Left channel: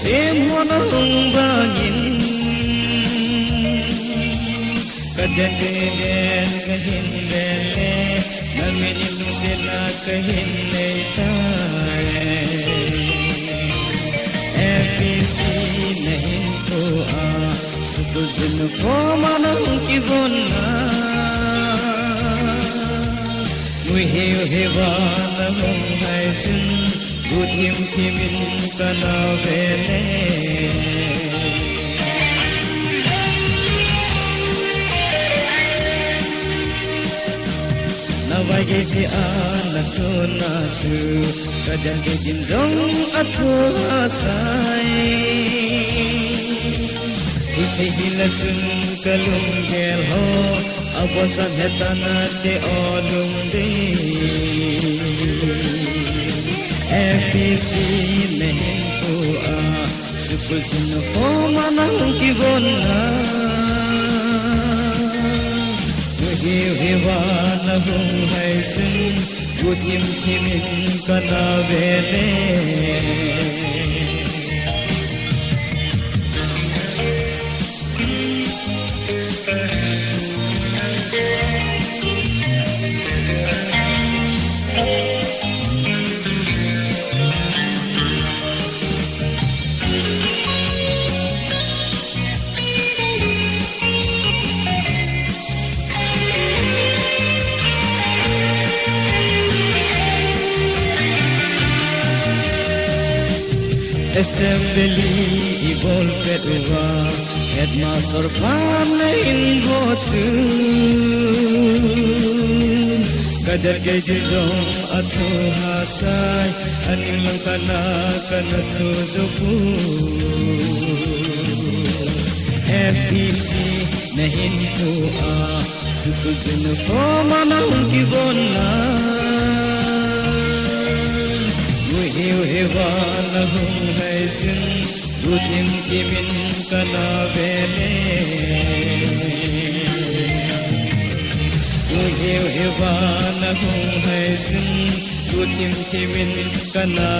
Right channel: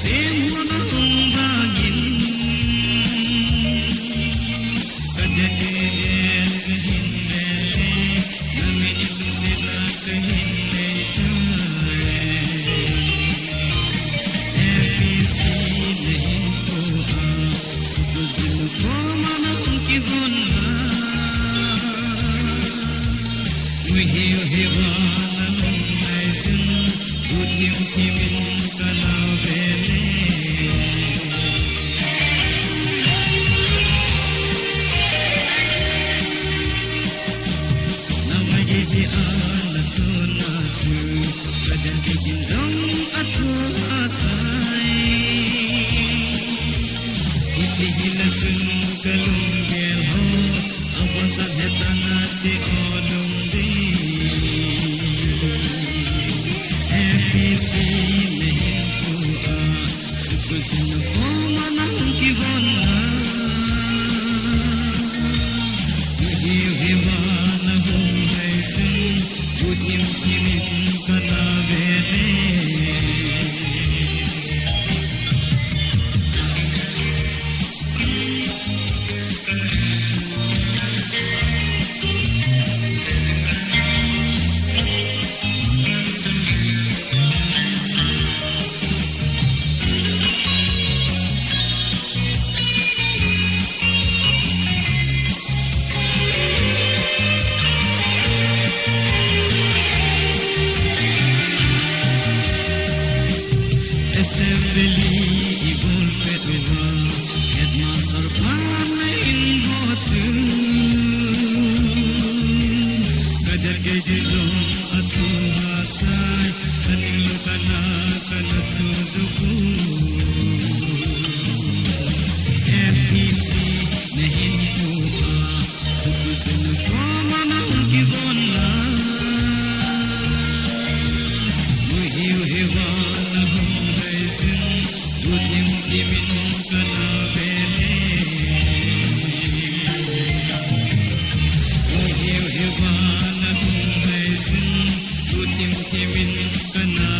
sen mona bangin kajan den kahin le namin ilung sila kahin le FPC nahin ko sukul bin ko manang kibon na muhi hewan mong hai sun Budim timin kana vele Navaje se anakho nasu Kajan ke jinjong atho asai Use hilakun kalung gel ho Abasa bhetana te olung de FPC nahin ko sukul sun ko manang kibon na mujhe hewan hum hai sun budim timin kana vele Assembly ibol kedua Headmaster pamein bosu Kadar kejujung atau hakai Animang kana tuduku FPC nahin doa Susun ko manang kibon na Hewan hum hai sun budim timin kana vele hewan hum hai sun budim timin kana